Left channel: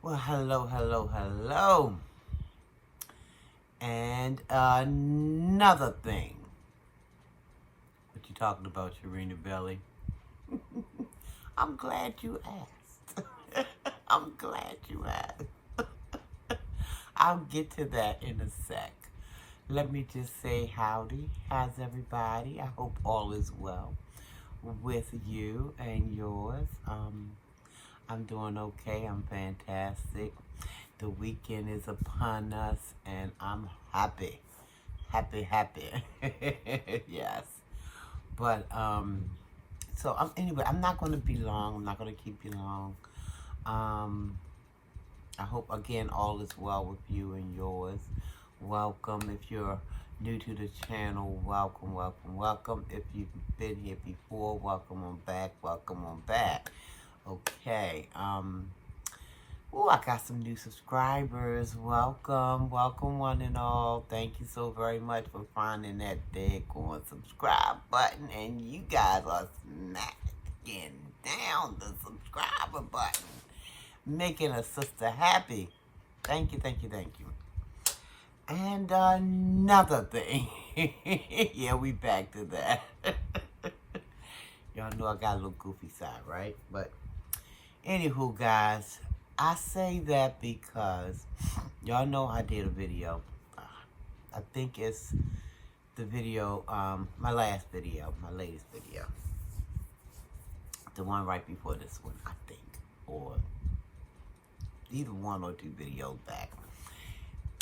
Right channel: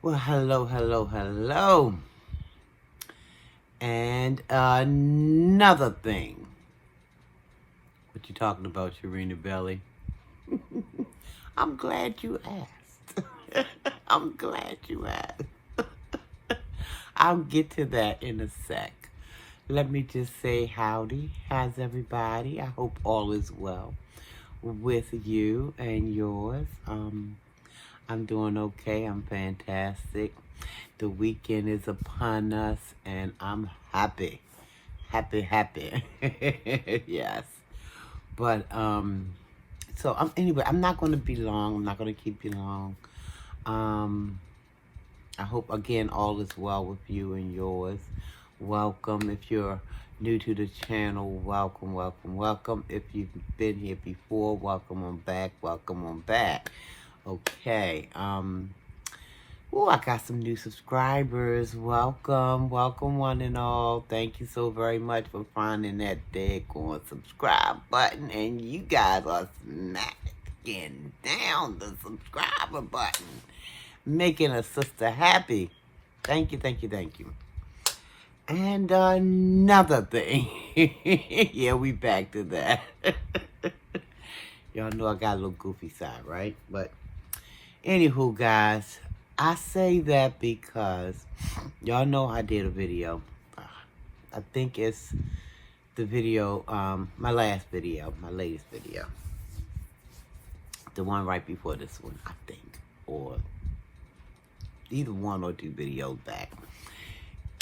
Well, hello, hello, hello. And another thing. What you talking about, Sharina Belly? I'm glad you asked. I'm glad you asked. I'll get to that in a sec. Let me just say howdy. How's everybody? I hope all is well with you and yours. I'm doing okay. I'm fantastic. The weekend is upon us, and I'm happy. Happy, happy. Yes. But, anyway, I'm not going to be long. I'm not going to keep you long. Um, I hope, again, all is well with you and yours. Welcome. If you're new to the channel, welcome, welcome, welcome. If you've been here before, welcome on back, welcome on back. Okay. I got some new subscribers. Welcome, welcome one and all. Thank you so very much for finding that daggone subscribe button. And you guys are smacking down the subscriber button, making a sister happy. Thank you, thank you, thank you. And another thing. Yeah, we back to that. Y'all know I got a little goofy side, right? But anywho, guys, I say that because y'all know I did a video. I think it's the video, my latest video. The one right before this one, I think. Or either one or two videos back.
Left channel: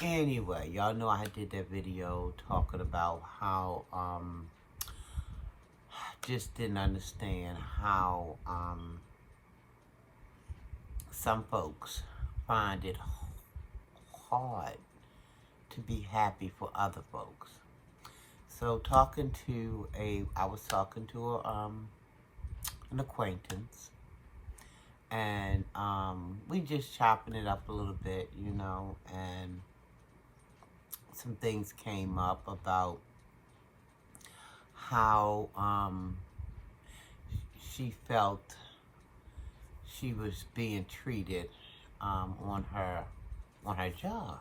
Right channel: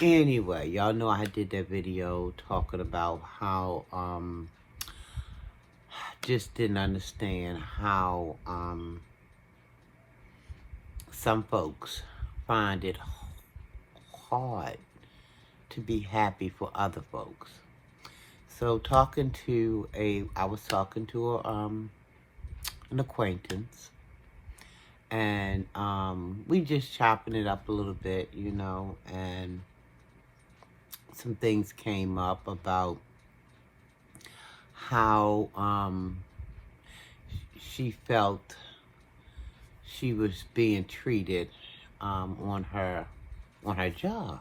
Anyway, y'all know I did that video talking about how, just didn't understand how, some folks find it hard to be happy for other folks. So I was talking to an acquaintance, and we just chopping it up a little bit, and some things came up about how she felt she was being treated on her job.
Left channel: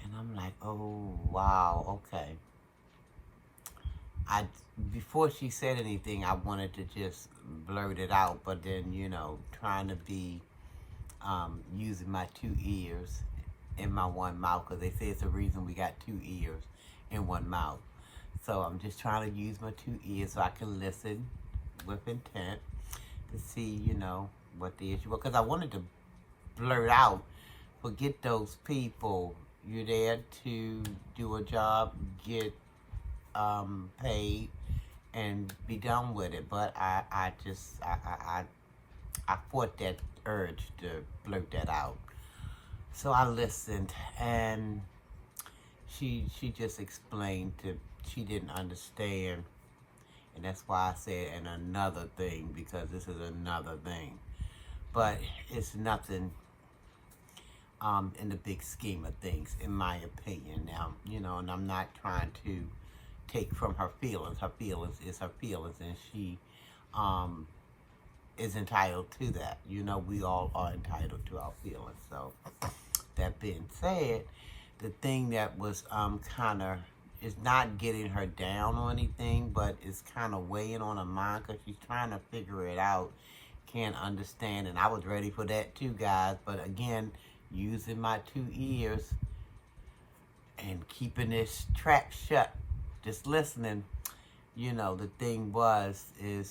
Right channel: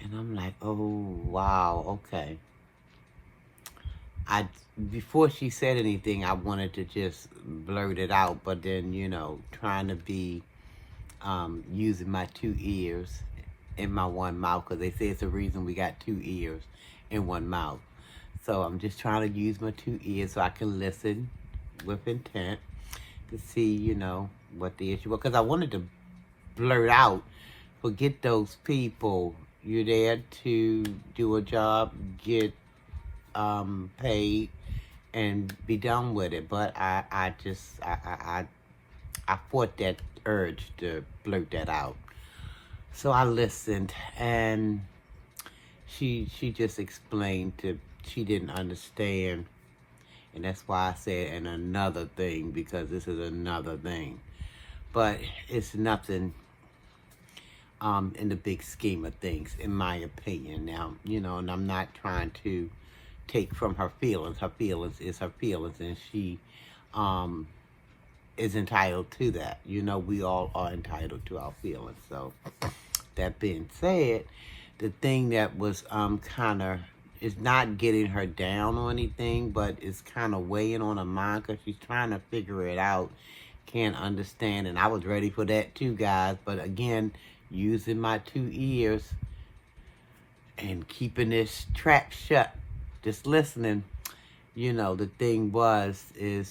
And I'm like, oh, wow, okay. Before she said anything, I wanted to just blurt it out, but then, trying to be using my two ears in my one mouth, because they say it's the reason we got two ears in one mouth. So I'm just trying to use my two ears so I can listen with intent to see, what the issue was. Because I wanted to blurt out, forget those people. You're there to do a job, get paid, and be done with it. But I fought that urge to blurt that out. So I listened, and she just explained she didn't understand. And that's why I said, and another thing, because this is another thing. But it's nothing in the big scheme of things, in my opinion. Now, and I'm not trying to take from her feelings. Her feelings is her feelings, and she is entitled to that. We all are entitled to our feelings. So, that being said, the thing that was kind of, is not getting her down or anything, but it's kind of weighing on her mind because she's trying to figure it out, can't understand. And I was ready for that too, guys. But again, using my two ears and keeping this trap shut, just listening, the thing is,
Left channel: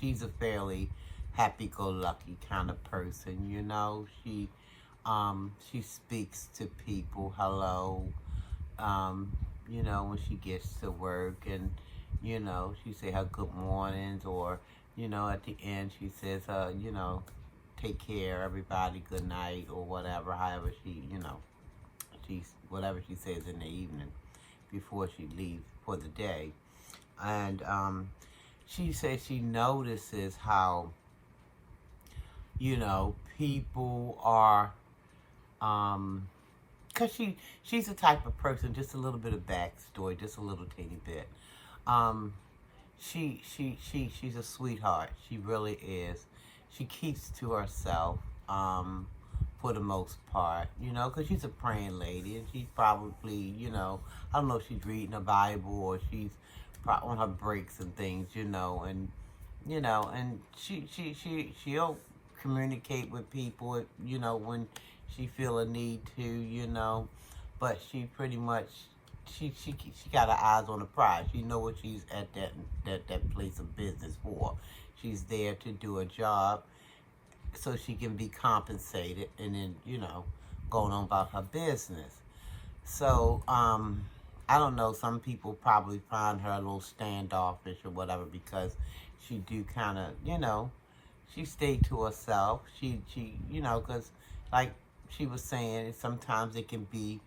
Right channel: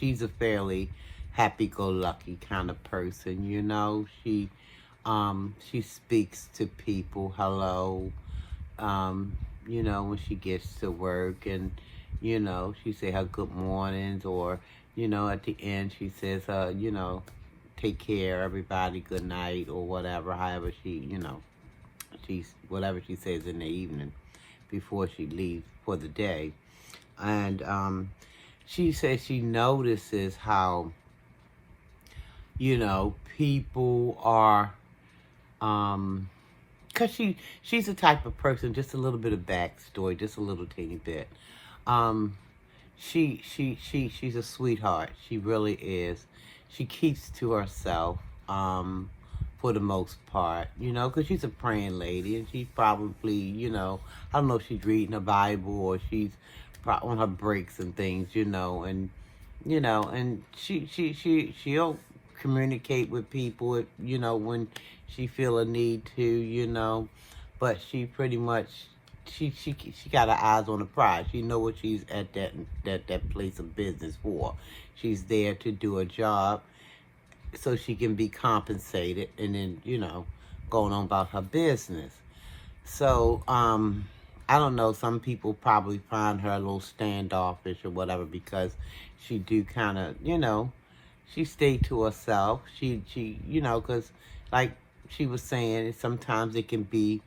she's a fairly happy-go-lucky kind of person, she speaks to people, hello, when she gets to work, and, she say her good mornings, or, at the end she says, take care, everybody, good night, or whatever, however whatever she says in the evening before she leaves for the day. And she says she notices how, people are, because she's the type of person, just a little bit of backstory, just a little teeny bit. She's a sweetheart. She really is. she keeps to herself, for the most part, because she's a praying lady, and she's probably, I don't know if she's reading the Bible or she's on her breaks and things, and she'll communicate with people, when she feel a need to, but she pretty much, she got her eyes on the prize. She know what she's at that place of business for. She's there to do a job so she can be compensated, and then, going on about her business. So, I don't know, some people probably find her a little standoffish or whatever, because she do kind of, she stayed to herself. She because like she was saying, sometimes it can be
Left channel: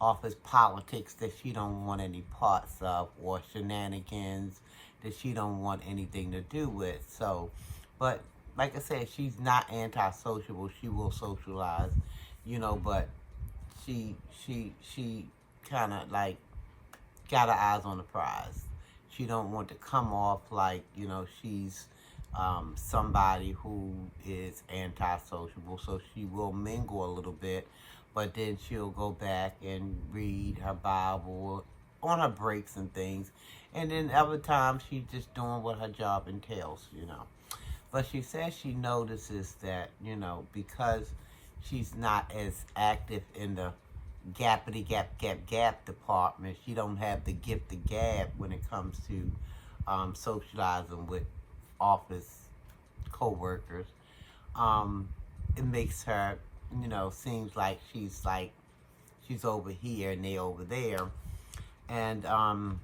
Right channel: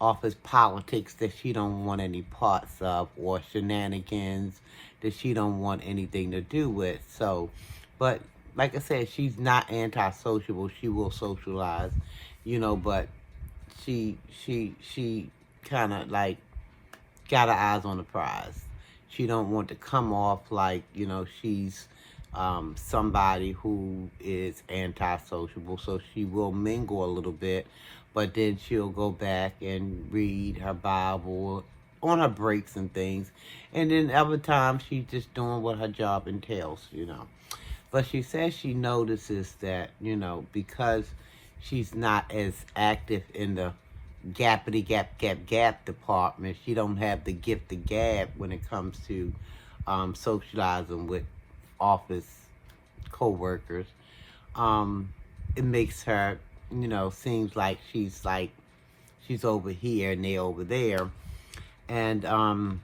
office politics that she don't want any parts of, or shenanigans that she don't want anything to do with. So, but like I said, she's not antisocial. She will socialize, but she kind of like got her eyes on the prize. She don't want to come off like, she's somebody who is antisocial. So she will mingle a little bit, but then she'll go back and read her Bible on her breaks and things. And then other times she's just doing what her job entails, But she says she notices that, because she's not as active in the gappity gap department, she don't have the gift of gab when it comes to socializing with office co-workers. It makes her, seems like she's over here and they over there. And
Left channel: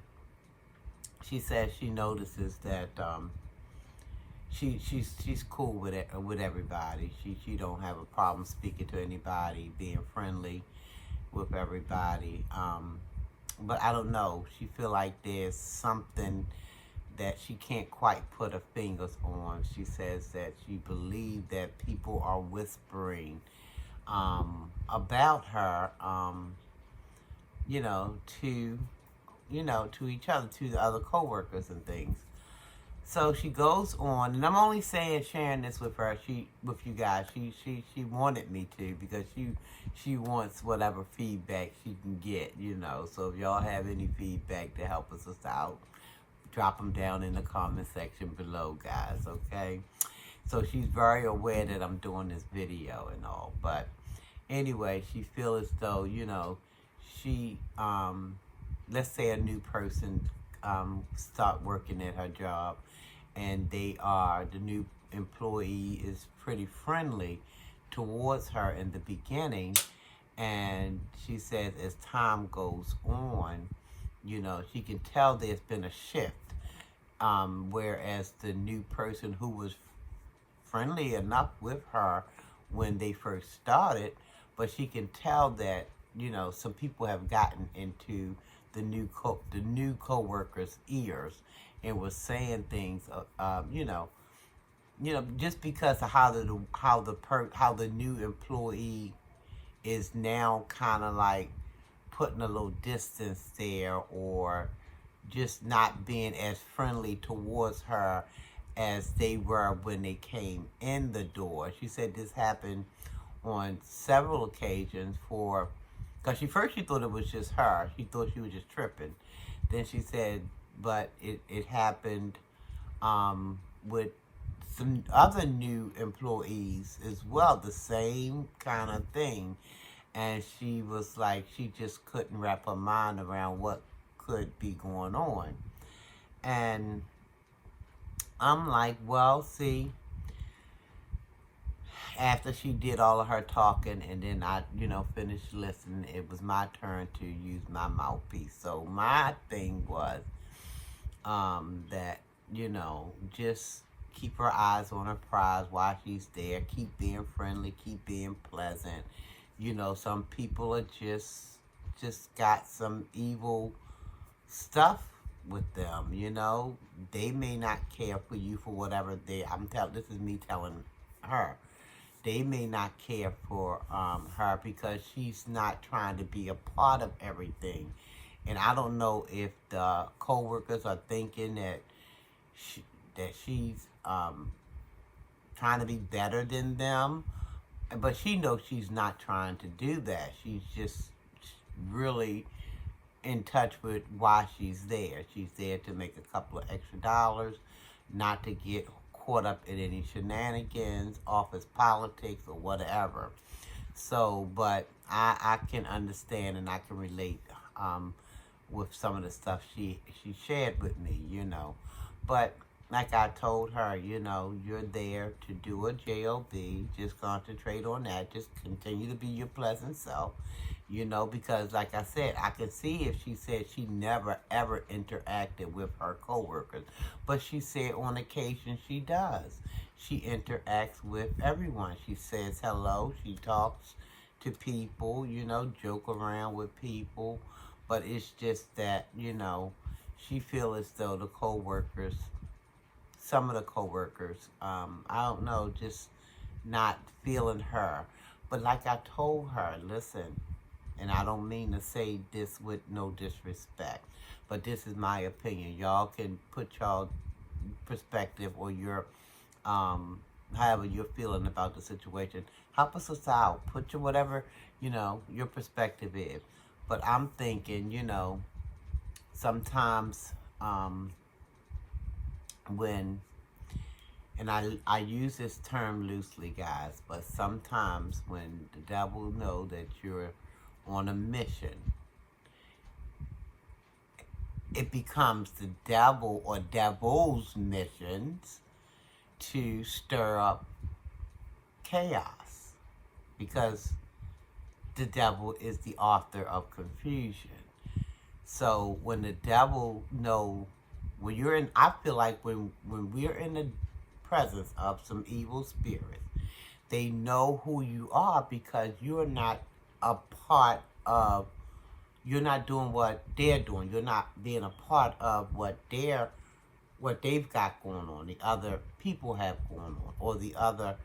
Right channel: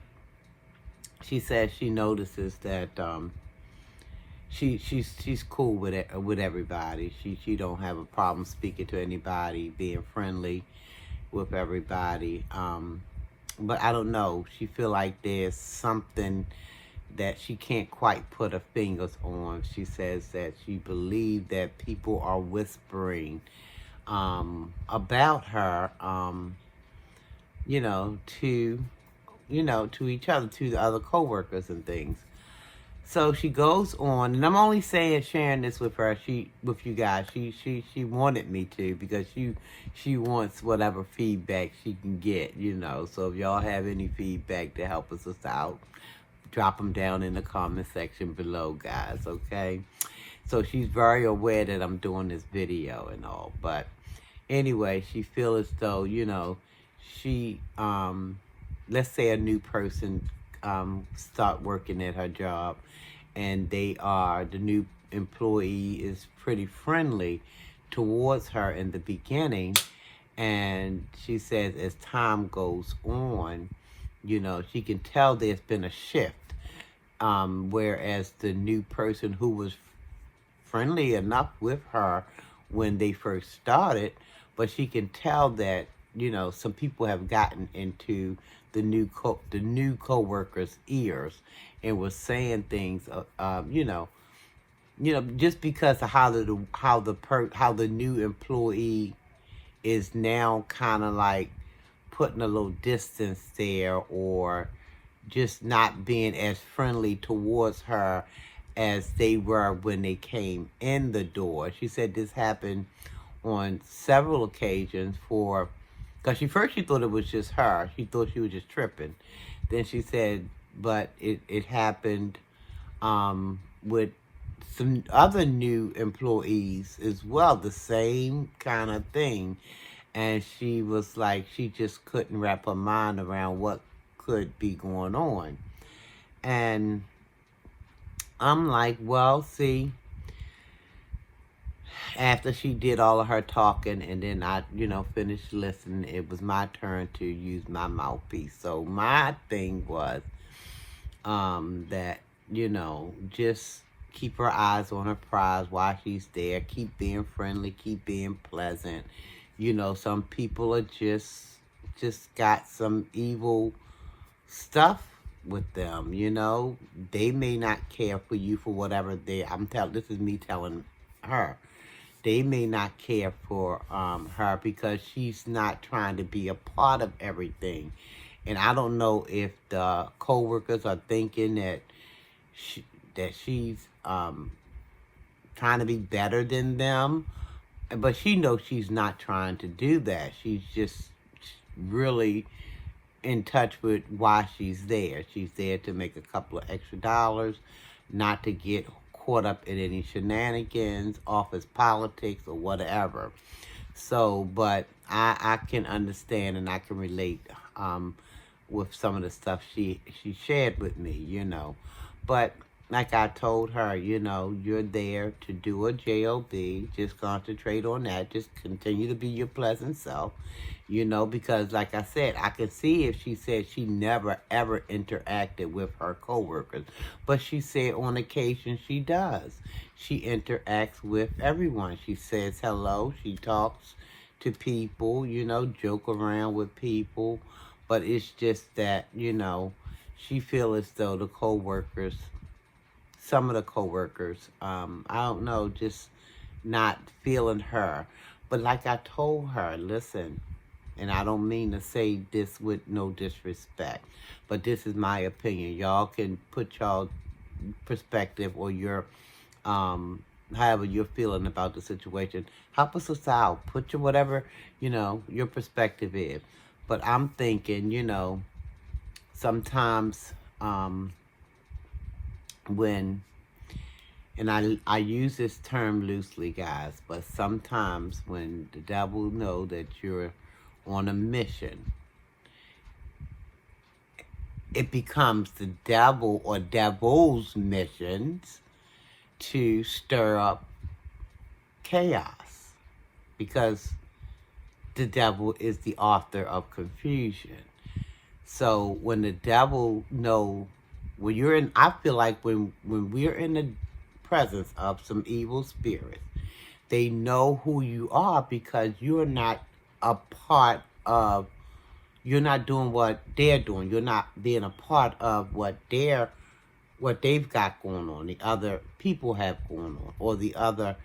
she says she notices that she's cool with everybody. She don't have a problem speaking to anybody, being friendly with everybody. But I don't know. She feel like there's something that she can't quite put her fingers on. She says that she believes that people are whispering about her, to each other, to the other coworkers and things. So she goes on, and I'm only sharing this with her, with you guys. She wanted me to, because she wants whatever feedback she can get, So if y'all have any feedback to help us out, drop them down in the comment section below, guys, okay? So she's very aware that I'm doing this video and all, but anyway, she feels as though, she, let's say a new person start working at her job, and the new employee is pretty friendly towards her in the beginning, and she says as time goes on, she can tell there's been a shift, whereas the new person who was friendly enough with her when they first started, but she can tell that, some people have gotten into the new co-workers' ears and was saying things, just because of how the new employee is now kind of like putting a little distance there, or just not being as friendly towards her as they were when they came in the door. She said this happened on several occasions because she thought it was just her. She thought she was just tripping. Then she said, but it happened with some other new employees as well, the same kind of thing. And she was like, she just couldn't wrap her mind around what could be going on. And I'm like, well, see, after she did all of her talking, and then I, finished listening, it was my turn to use my mouthpiece. So my thing was that, just keep her eyes on her prize while she's there. Keep being friendly. Keep being pleasant. Some people are just got some evil stuff with them, They may not care for you for whatever this is me telling her. They may not care for her because she's not trying to be a part of everything. And I don't know if the co-workers are thinking that she's trying to be better than them. But she knows she's not trying to do that. She's just really in touch with why she's there. She's there to make a couple of extra dollars, not to get caught up in any shenanigans, office politics, or whatever. So, but I can understand and I can relate with some of the stuff she shared with me, you know. But like I told her, you know, you're there to do a job. Just concentrate on that. Just continue to be your pleasant self, you know, because like I said, I can see if she said she never ever interacted with her coworkers. But she said on occasion she does. She interacts with everyone. She says hello. She talks to people, you know, joke around with people. But it's just that, you know, she feels as though the coworkers, some of the coworkers, I don't know, just not feeling her. But like I told her, listen, and I don't mean to say this with no disrespect, but this is my opinion. Y'all can put y'all perspective or your, however you're feeling about the situation. Help us out. Put your whatever, you know, your perspective is. But I'm thinking, you know, sometimes when, and I use this term loosely, guys, but sometimes when the devil know that you're on a mission, it becomes the devil or devil's missions to stir up chaos, because the devil is the author of confusion. So when the devil know, when you're in, I feel like when we're in the presence of some evil spirits, they know who you are because you're not a part of, you're not doing what they're doing. You're not being a part of what they've got going on, the other people have going on, or the other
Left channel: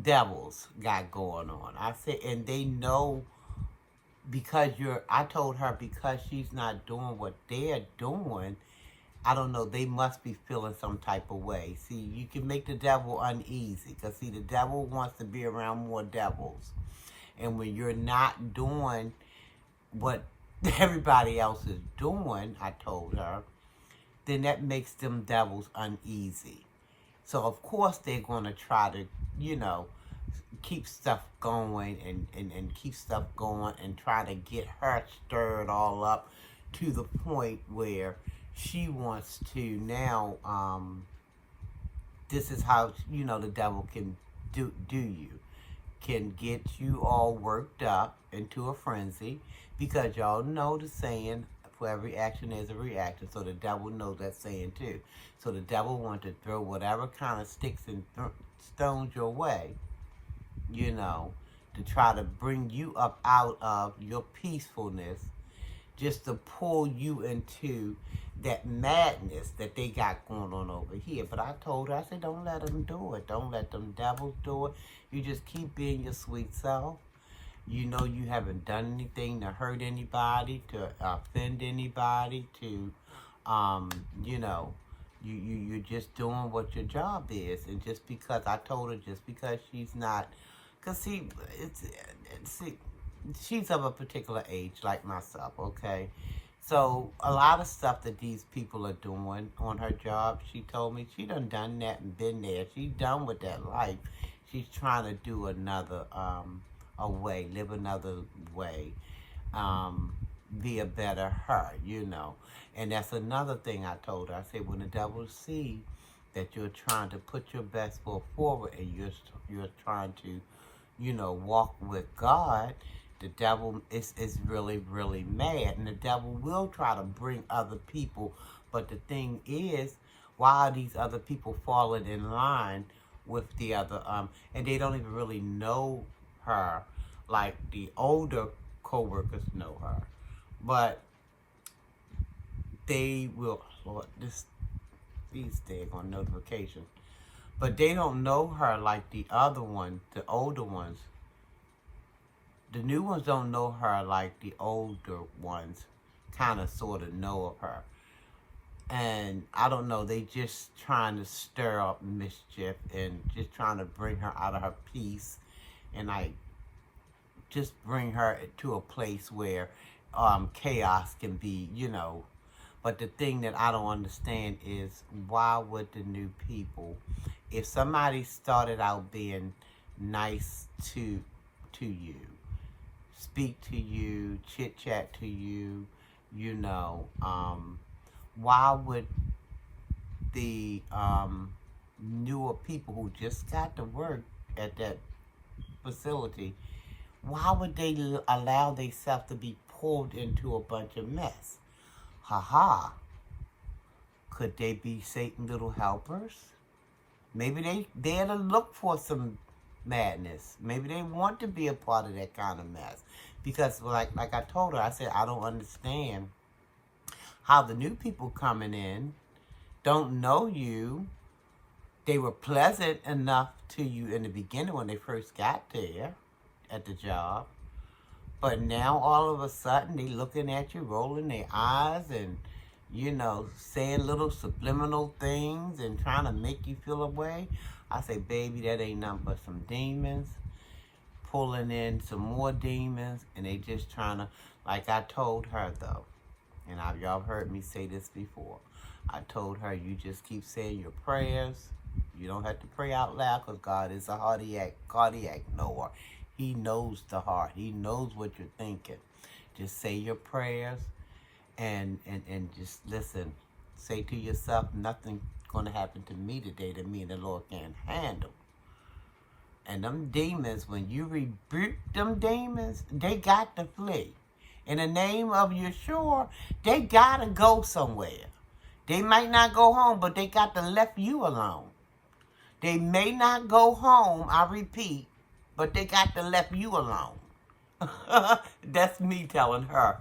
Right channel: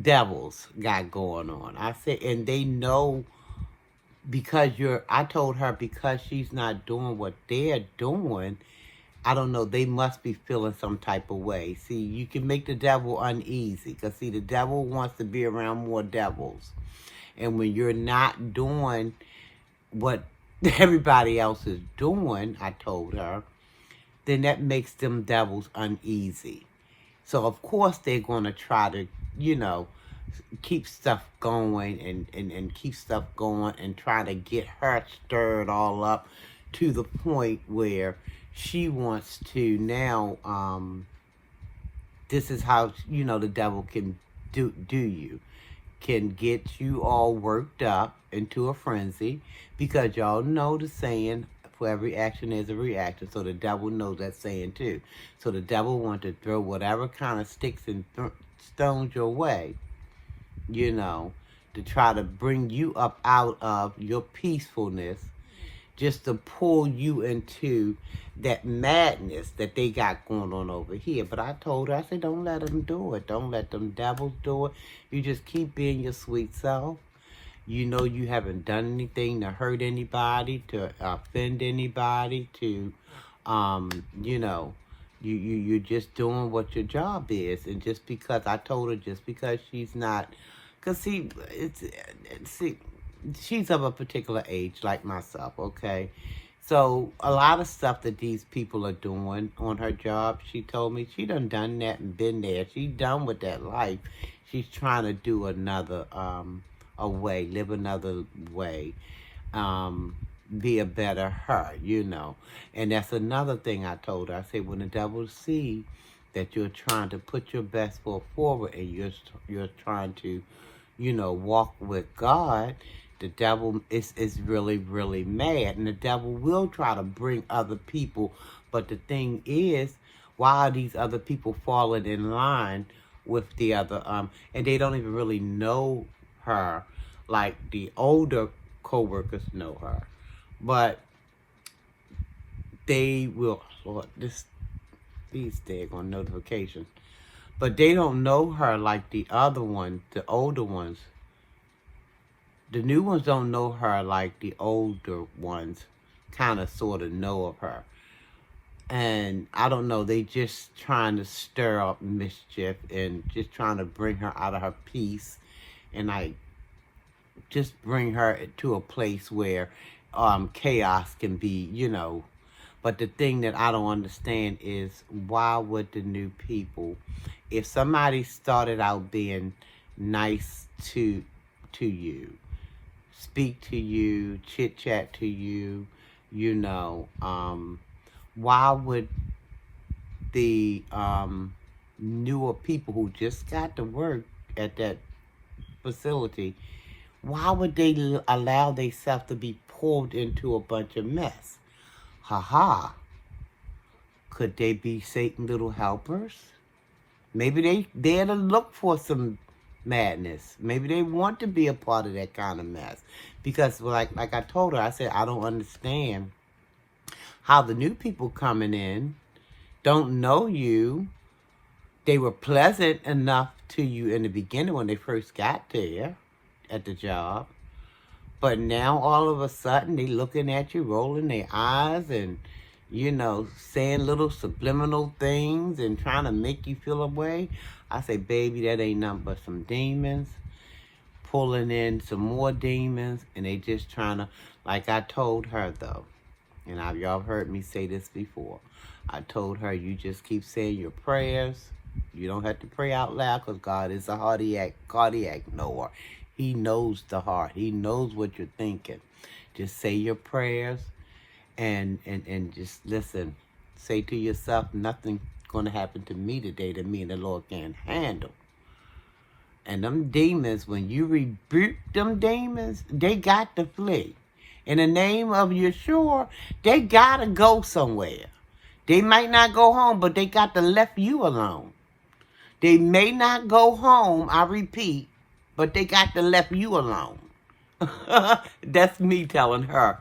devils got going on. I said, and they know because I told her because she's not doing what they're doing, I don't know, they must be feeling some type of way. See, you can make the devil uneasy because, see, the devil wants to be around more devils. And when you're not doing what everybody else is doing, I told her, then that makes them devils uneasy. So, of course, they're going to try to, you know, keep stuff going and keep stuff going and try to get her stirred all up to the point where she wants to now, this is how, you know, the devil can do you. Can get you all worked up into a frenzy, because y'all know the saying, for every action there's a reaction. So the devil knows that saying too. So the devil wants to throw whatever kind of sticks and stones your way, you know, to try to bring you up out of your peacefulness, just to pull you into that madness that they got going on over here. But I told her, I said, don't let them do it. Don't let them devils do it. You just keep being your sweet self. You know you haven't done anything to hurt anybody, to offend anybody, to, you know, you're just doing what your job is. And just because, I told her, just because she's not, because see, she's of a particular age like myself, okay? So a lot of stuff that these people are doing on her job, she told me she done that and been there. She's done with that life. She's trying to do another a way, live another way, be a better her, you know. And that's another thing I told her. I said, when the devil see that you're trying to put your best foot forward and you're trying to, you know, walk with God, the devil is really, really mad. And the devil will try to bring other people. But the thing is, why are these other people falling in line with the other, and they don't even really know her like the older co-workers know her. But they will, Lord, these daggone notifications. But they don't know her like the other ones, the older ones. The new ones don't know her like the older ones kind of sort of know of her. And I don't know, they just trying to stir up mischief and just trying to bring her out of her peace. And I just bring her to a place where chaos can be, But the thing that I don't understand is, why would the new people, if somebody started out being nice to you, speak to you, chit chat to you, why would the newer people who just got to work at that facility, why would they allow themselves to be pulled into a bunch of mess? Ha. Could they be Satan's little helpers? Maybe they there to look for some madness. Maybe they want to be a part of that kind of mess. Because like I told her, I said, I don't understand how the new people coming in don't know you. They were pleasant enough to you in the beginning when they first got there at the job. But now all of a sudden they looking at you, rolling their eyes and, saying little subliminal things and trying to make you feel away. I say, baby, that ain't nothing but some demons pulling in some more demons. And they just trying to, like I told her though, and y'all heard me say this before. I told her, you just keep saying your prayers. You don't have to pray out loud because God is a cardiac knower. He knows the heart. He knows what you're thinking. Just say your prayers and just listen. Say to yourself, nothing's going to happen to me today that me and the Lord can't handle. And them demons, when you rebuke them demons, they got to flee. In the name of Yeshua, they got to go somewhere. They might not go home, but they got to left you alone. They may not go home, I repeat, but they got to left you alone. That's me telling her.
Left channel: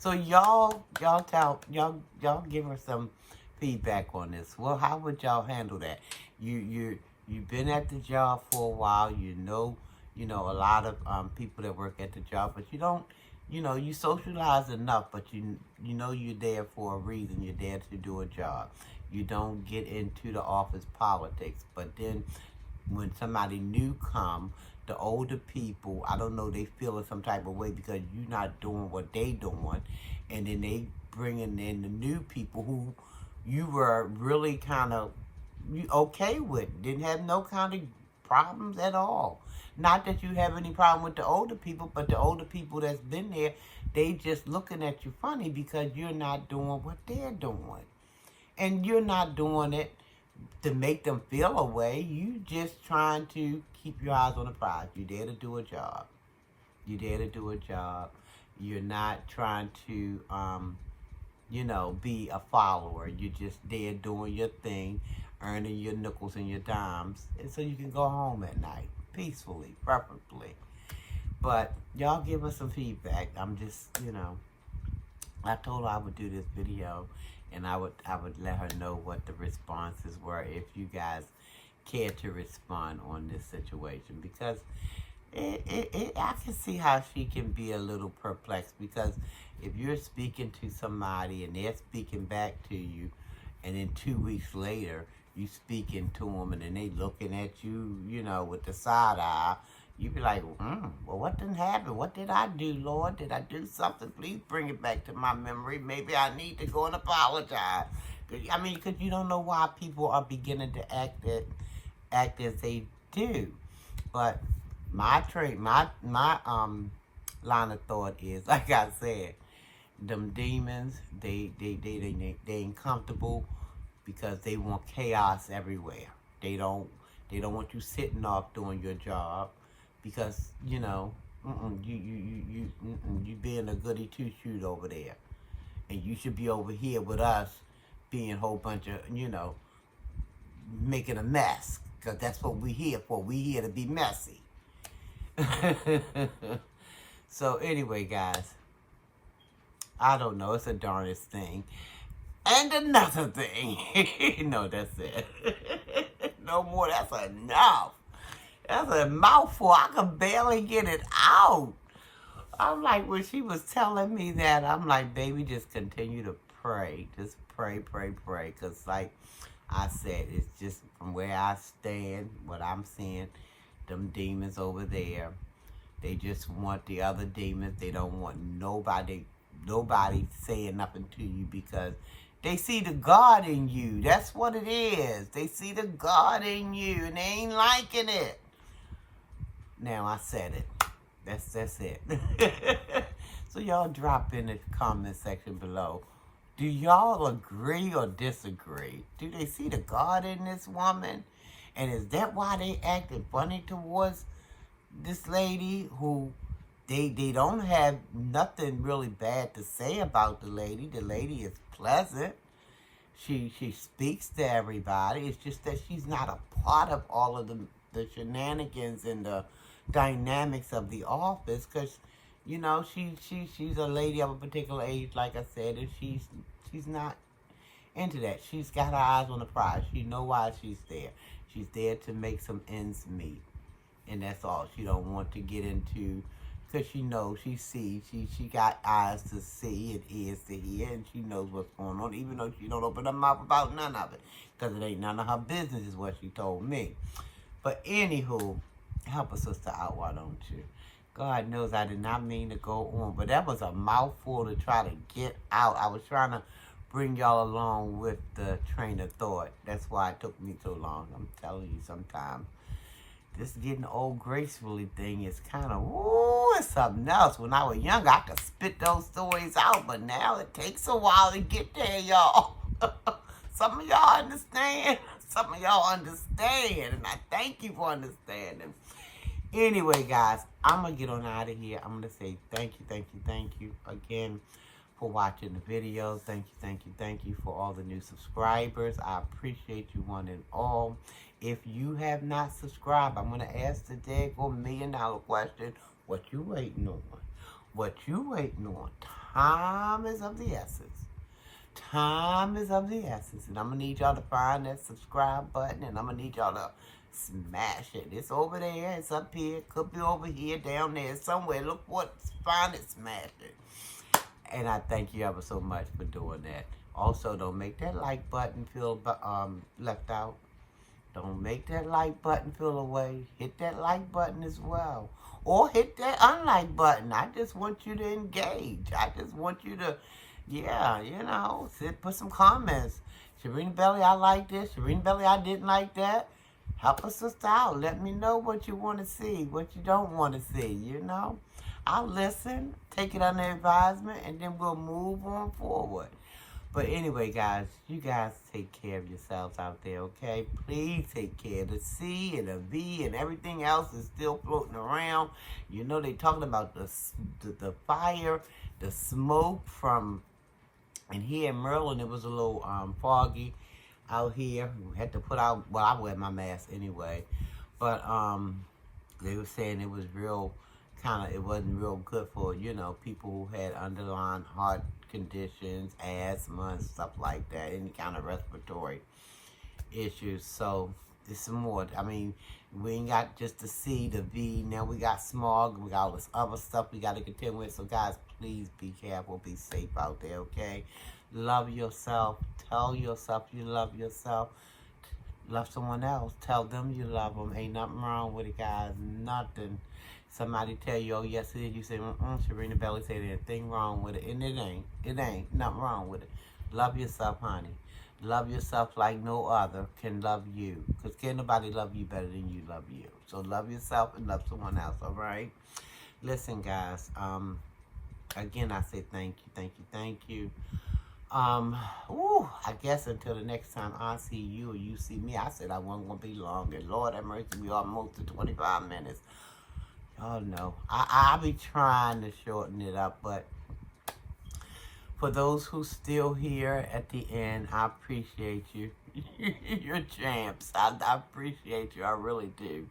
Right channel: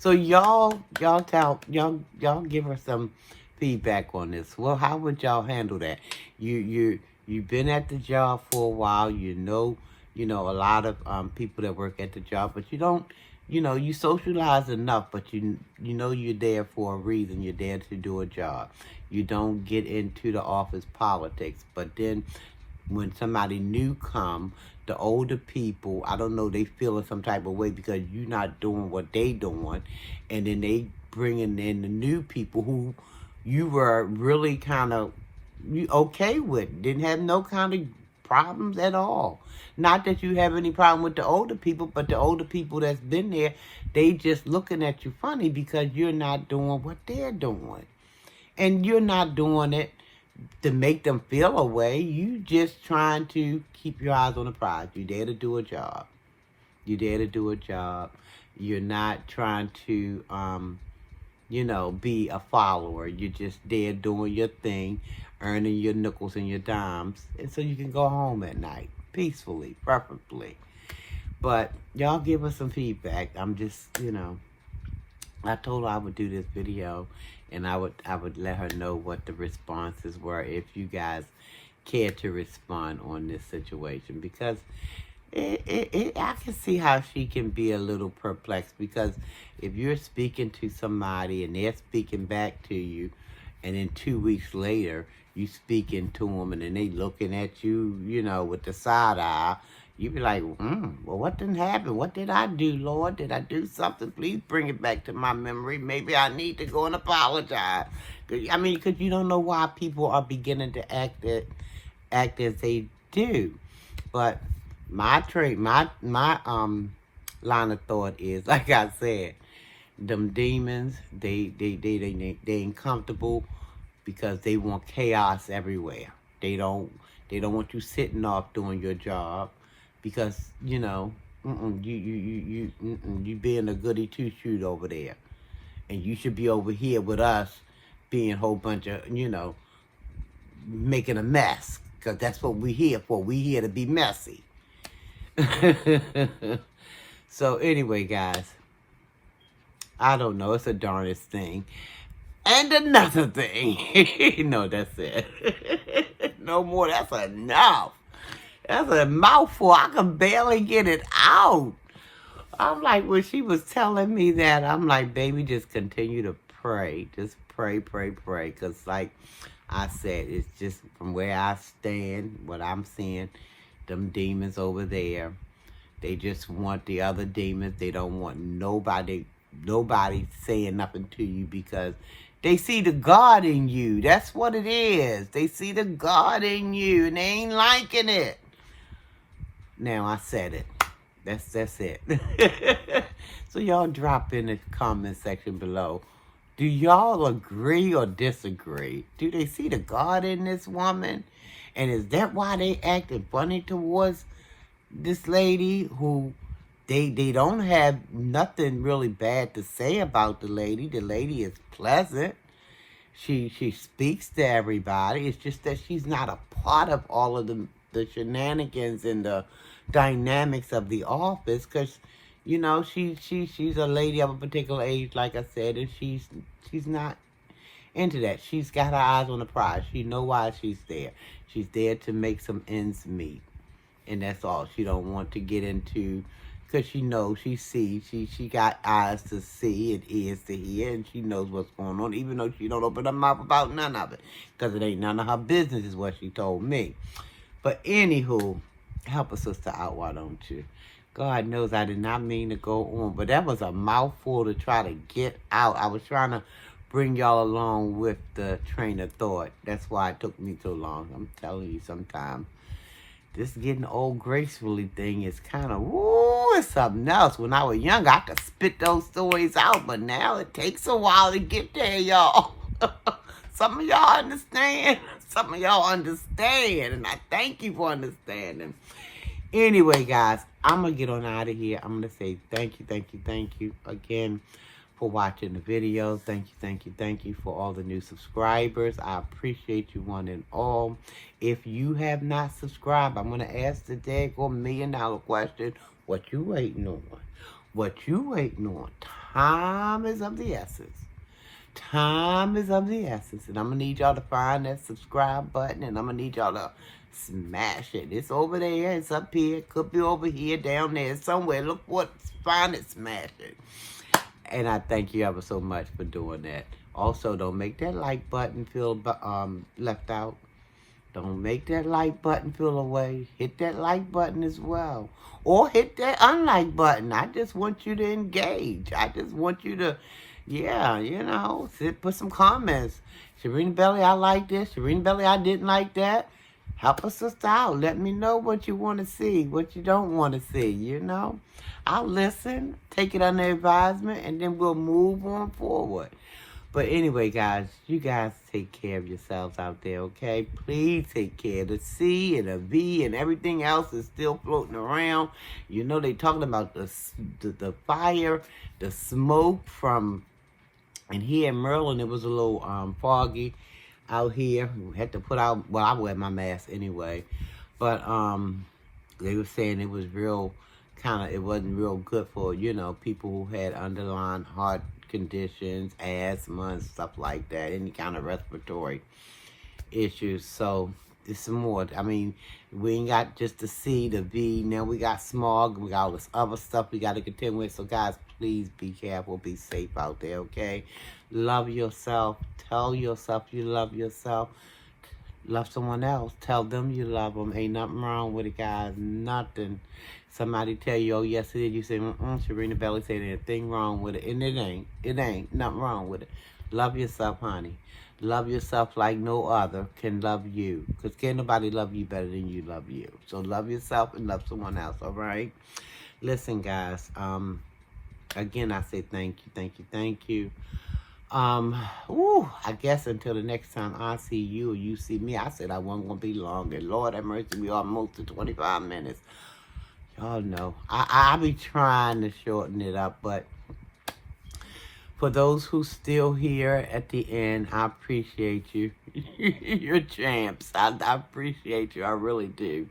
So y'all give her some feedback on this. Well, how would y'all handle that? You've been at the job for a while. You know a lot of people that work at the job, but you don't. You socialize enough, but you're there for a reason. You're there to do a job. You don't get into the office politics. But then when somebody new come, the older people, I don't know, they feel in some type of way because you're not doing what they doing. And then they bringing in the new people who you were really kind of okay with. Didn't have no kind of problems at all. Not that you have any problem with the older people, but the older people that's been there, they just looking at you funny because you're not doing what they're doing. And you're not doing it to make them feel a way. You just trying to keep your eyes on the prize. You're there to do a job. You're there to do a job. You're not trying to, be a follower. You're just there doing your thing, earning your nickels and your dimes, and so you can go home at night. Peacefully, preferably. But y'all give us some feedback. I'm just, I told her I would do this video and I would let her know what the responses were if you guys care to respond on this situation, because I can see how she can be a little perplexed, because if you're speaking to somebody and they're speaking back to you, and then 2 weeks later you speaking to them and then they looking at you, with the side eye, you be like, well, what didn't happen? What did I do, Lord? Did I do something? Please bring it back to my memory. Maybe I need to go and apologize. Because you don't know why people are beginning to act as they do. But my line of thought is, like I said, them demons, they uncomfortable because they want chaos everywhere. They don't want you sitting off doing your job because, you being a goody two-shoot over there. And you should be over here with us being a whole bunch of, making a mess. Because that's what we're here for. We're here to be messy. So anyway, guys, I don't know. It's a darndest thing. And another thing. No, that's it. No more. That's enough. That's a mouthful. I can barely get it out. I'm like, when she was telling me that, I'm like, baby, just continue to pray. Just pray, pray, pray. Because like I said, it's just from where I stand, what I'm seeing, them demons over there. They just want the other demons. They don't want nobody saying nothing to you because they see the God in you. That's what it is. They see the God in you and they ain't liking it. Now I said it. That's it. So y'all drop in the comment section below. Do y'all agree or disagree? Do they see the God in this woman? And is that why they acting funny towards this lady who they don't have nothing really bad to say about the lady. The lady is pleasant. She speaks to everybody. It's just that she's not a part of all of the shenanigans and the dynamics of the office because, you know, she's a lady of a particular age, like I said, and she's not into that. She's got her eyes on the prize. She know why she's there. She's there to make some ends meet. And that's all. She don't want to get into, because she knows, she sees, she got eyes to see and ears to hear, and she knows what's going on, even though she don't open her mouth about none of it, because it ain't none of her business, is what she told me. But anywho, help a sister out, why don't you? God knows I did not mean to go on, but that was a mouthful to try to get out. I was trying to bring y'all along with the train of thought. That's why it took me so long. I'm telling you, sometimes this getting old gracefully thing is kind of, woo, it's something else. When I was younger, I could spit those stories out, but now it takes a while to get there, y'all. Some of y'all understand. Some of y'all understand, and I thank you for understanding. Anyway, guys, I'm going to get on out of here. I'm going to say thank you again for watching the video. Thank you for all the new subscribers. I appreciate you one and all. If you have not subscribed, I'm going to ask the daggone $1 million question. What you waiting on? What you waiting on? Time is of the essence. Time is of the essence. And I'm going to need y'all to find that subscribe button. And I'm going to need y'all to smash it. It's over there. It's up here. It could be over here, down there, somewhere. Look what, find it, smash it. And I thank you ever so much for doing that. Also, don't make that like button feel left out. Don't make that like button feel away. Hit that like button as well. Or hit that unlike button. I just want you to engage. I just want you to, yeah, you know, put some comments. Sharina Belly, I like this. Sharina Belly, I didn't like that. Help us out. Let me know what you want to see, what you don't want to see, you know. I'll listen, take it under advisement, and then we'll move on forward. But anyway, guys, you guys take care of yourselves out there, okay? Please take care. The C and the V and everything else is still floating around. You know, they talking about the fire, the smoke from, and here in Maryland, it was a little foggy out here. We had to put out, well, I wear my mask anyway. But they were saying it was real, it wasn't real good for, you know, people who had underlying heart conditions, asthma and stuff like that, any kind of respiratory issues. So there's some more. I mean, we ain't got just the C, the V, now we got smog, we got all this other stuff we got to contend with. So guys, please be careful, be safe out there, okay? Love yourself. Tell yourself you love yourself. Love someone else. Tell them you love them. Ain't nothing wrong with it, guys. Nothing. Somebody tell you, oh, yes, it is. You say, Sharina Belly said there's a thing wrong with it. And it ain't. It ain't. Nothing wrong with it. Love yourself, honey. Love yourself like no other can love you. Because can't nobody love you better than you love you. So love yourself and love someone else, all right? Listen, guys. Again, I say thank you. I guess until the next time I see you or you see me, I said I wasn't going to be long. And Lord have mercy, we almost to 25 minutes. Y'all know, I be trying to shorten it up, but for those who still here at the end, I appreciate you. You're champs. I appreciate you. I really do.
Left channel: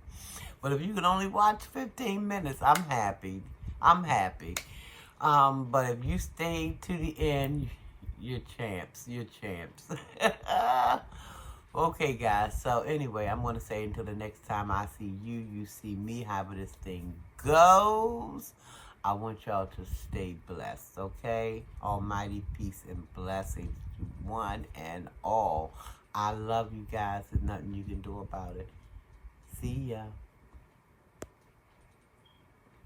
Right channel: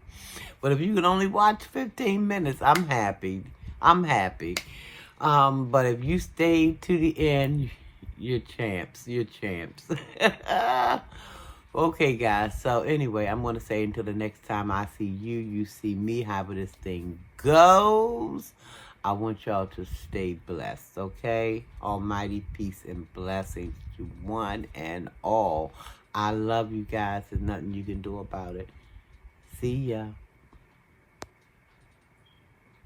But if you can only watch 15 minutes, I'm happy. But if you stay to the end, you're champs. Okay, guys. So anyway, I'm going to say until the next time I see you, you see me, however this thing goes. I want y'all to stay blessed, okay? Almighty peace and blessings to one and all. I love you guys. There's nothing you can do about it. See ya.